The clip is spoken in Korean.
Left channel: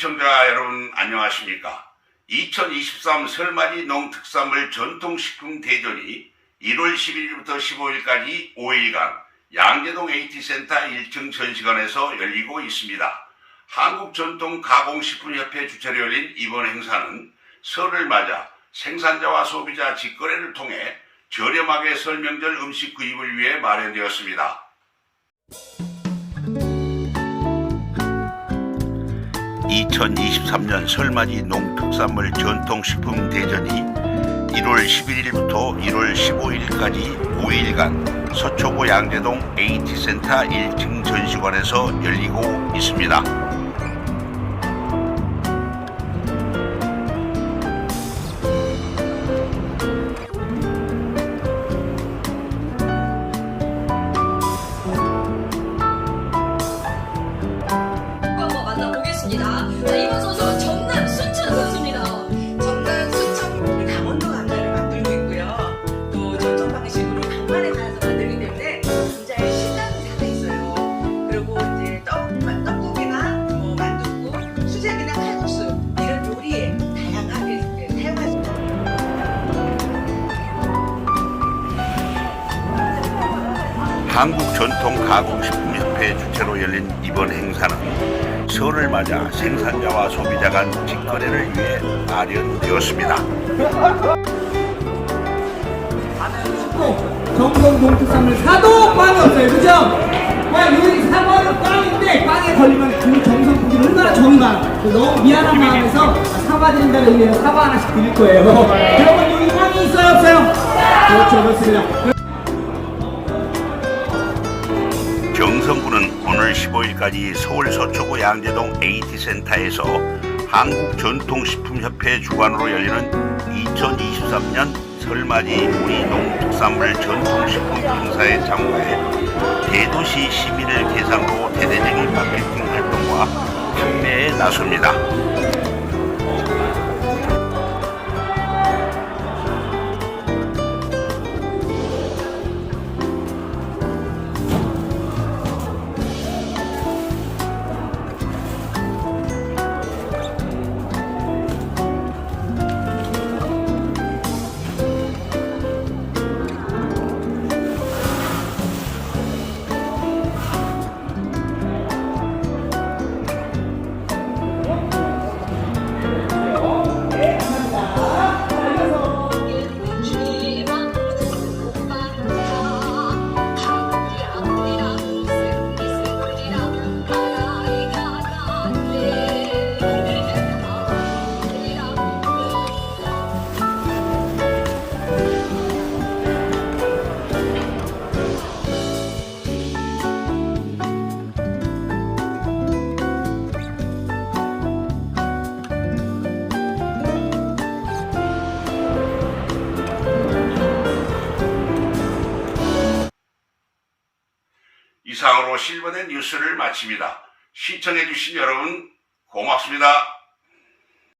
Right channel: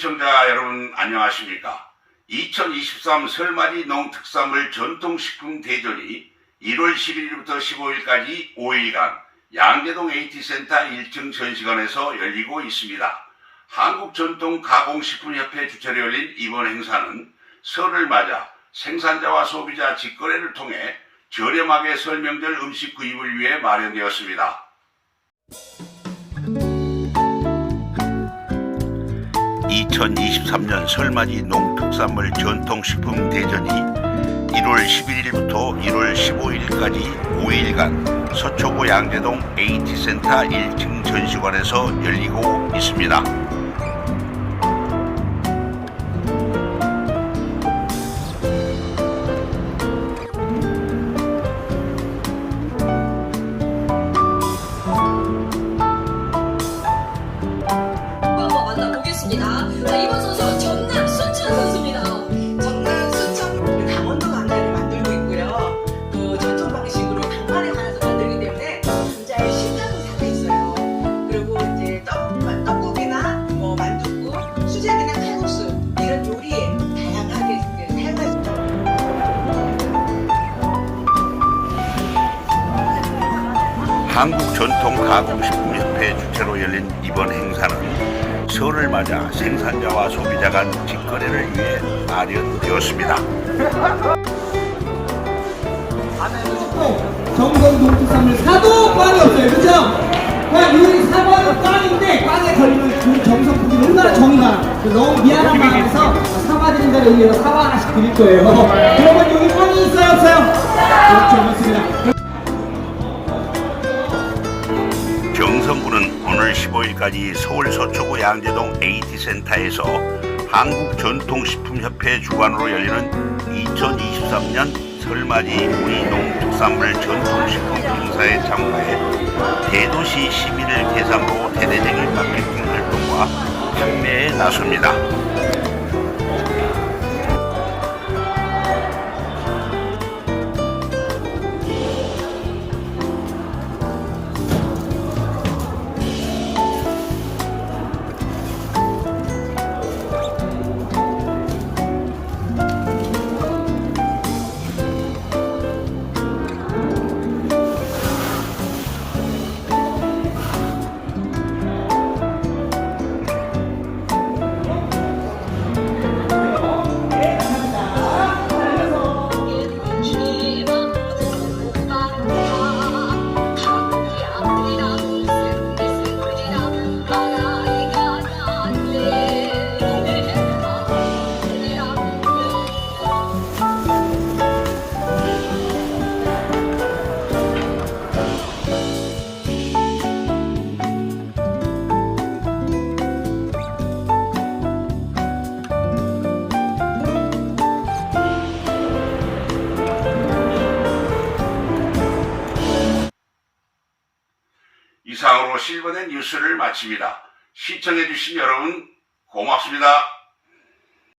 여러분 안녕하십니까? 2023 설맞이 농특산물 전통식품 대전이 1월 11일부터 15일까지 5일간 양재동 AT센터 1층 전시관에서 열리고 있습니다. 한국전통가공식품협회 주최로 열린 이번 행사는 설을 맞아 생산자와 소비자 직거래를 통해 저렴하게 설명절 음식 구입을 위해 마련되었습니다. 2023년 설맞이 농특산물 전통식품 대전이 1월 11일부터 1월 15일까지 5일간 서초구 양재동 AT센터 1층 전시관에서 열리고 있습니다. 만나보겠습니다. 자, 이번 선수는 한국전통가공식품협회 주최로 열린 이번 행사는 설을 맞아 생산자와 소비자 간 직거래를 위해 마련되었습니다. 정성 농특산물 사도 꽝이 없어요. 그죠? 꽝, 요리 사과는 꽝인데 꽝에 걸리면 그 정성 품이 얼마나 정이 많아. 너무 미안한 마음에서 사과드린다는 의미로 사과 하나씩 드릴 거예요. 여러분 여기 꽝이 있어요 없어요? 그렇죠 그렇습니다. 경성군은 오늘 15일까지 서울 서초구 양재동 AT센터에서 한국전통식품협회 주관으로 열리는 2023년 설맞이 우리 농특산물 전통식품 행사에 참가해 대도시 시민을 대상으로 대대적인 마케팅 활동과 판매에 나섭니다. 이상으로 실버된 뉴스를 마칩니다. 시청해주신 여러분 고맙습니다.